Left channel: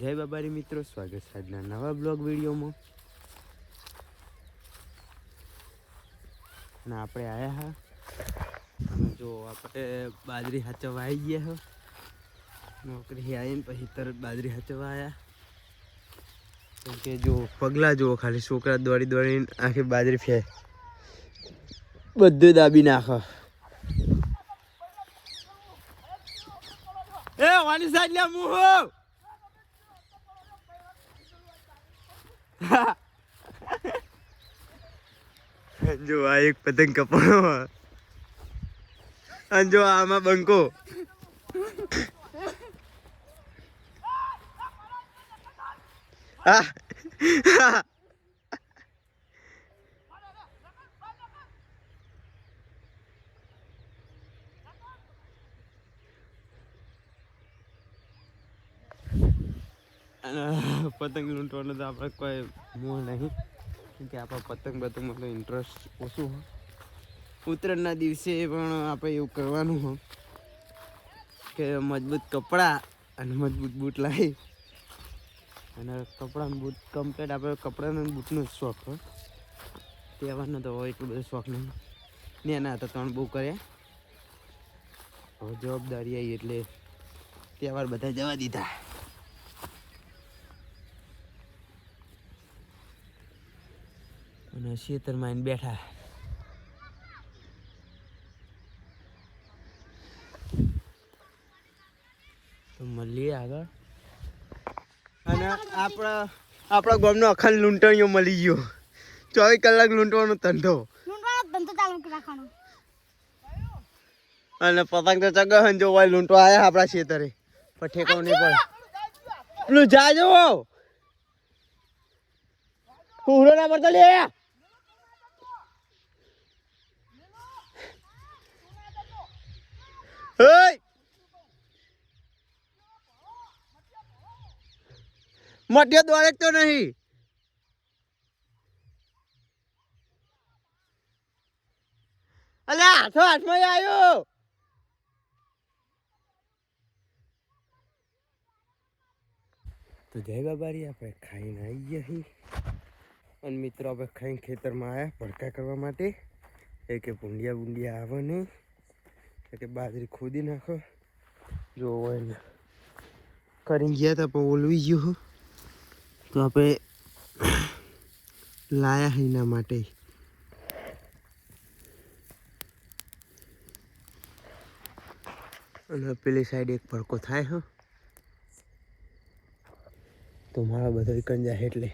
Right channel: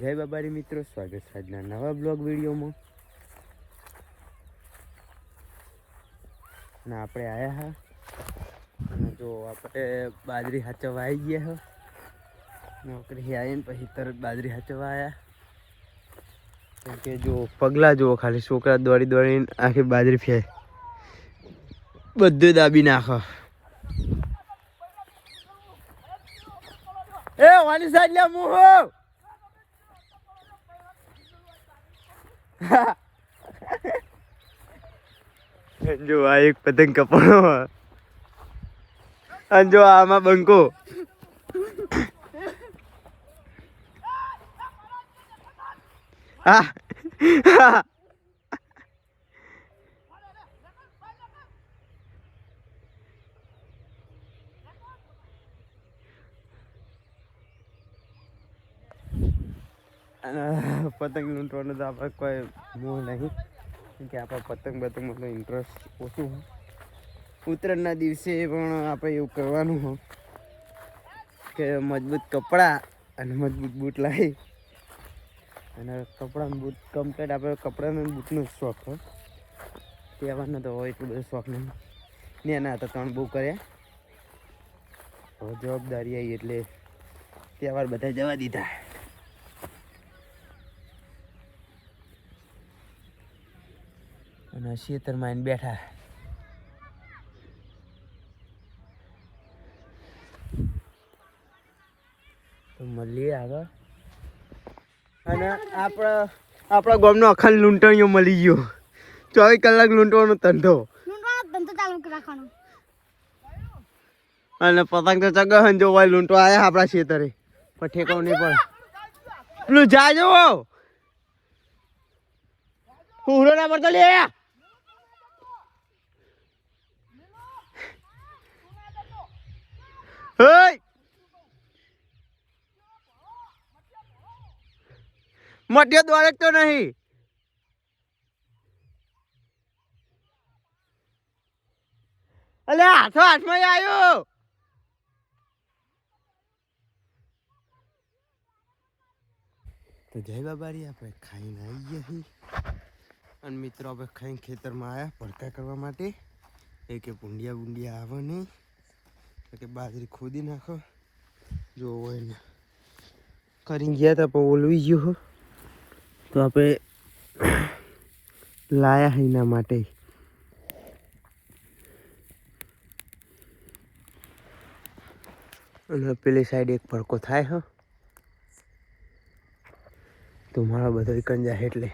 જય બાબારી મિત્રો, સ્વાગત છે આજના નવા બ્લોગ વિડીયોમાં. અને આપણે આવ્યા હા અને જો આપણે બાજરી હાચવા આવી ગયા હો. નોકરી આવીને પછી તરત બાજરી હાચવા આવ્યા. કેમ કે જો પગલા જુઓ ખાલી, છોકરા દોડી દોડીને આખી બાજરી ફેંક બધું દાબી નાખો. એ વાની સાઈડ લે મુહો. જો આ એક પતંગ કપાણો અને જો આમાં બંકો. પતંગ લૂંટવાનો તો આપણે કોઈ મોહ નહીં, કેમ કે આપણે પતંગ બતંગમાં ઇન્ટરેસ્ટ ઓછું હોય. ઉત્તરાયણના દિવસે પણ આપણે એવું કરવાનું હોય કે મજબૂત કપડાં અને મજબૂત બૂટ લાવી, અને કપડાં બૂટ કમ્પ્લેટ આપણે કપડાનો બૂટનો શોખ હોય. તહેવારનો તો હોય એટલું બધો શોખ નહીં. નાના હતા ત્રણ બહુ કર્યા, હવે જવાબદારી આવી એટલે તહેવાર બધા જવા દીધા. અને ખેતરમાં આવીને બેઠા. તો મળીએ આગળ. અને આપણા ગામનો અખંડ લૂંટણીઓ મળી ગયો. 24 કલાક લૂંટવાનો ધંધો ચાલુ રાખવાનો. અને પતંગ તો ચગન જો હોય લૂંટવા આવ્યા આપણા ખેતરે, પણ ઠેકાવ નહીં પડે. પેલું જાજો પૂરો ના પડતો લે. મધ્ય દોડે તો નહીં. અલે હાથમાં આવ્યું. તો જય બાબારી, આપણે ખાઈને આવી ગયા છીએ. અને મિત્રો આપણે ખાઈને ખેતરમાં આવ્યા ભડકા કરવા માટે. એ કે ભૂંડિયા આવે નહીં, કે બાજરી ખોદી નાખો. જો એને કરીને ગયા હતા પણ ઓલવી ગયો. તો આપણે લાયા એના માટે. અને પેલી સાઈડ એક ભડકો થાય હો, તો મારા બધો કંજા એટલે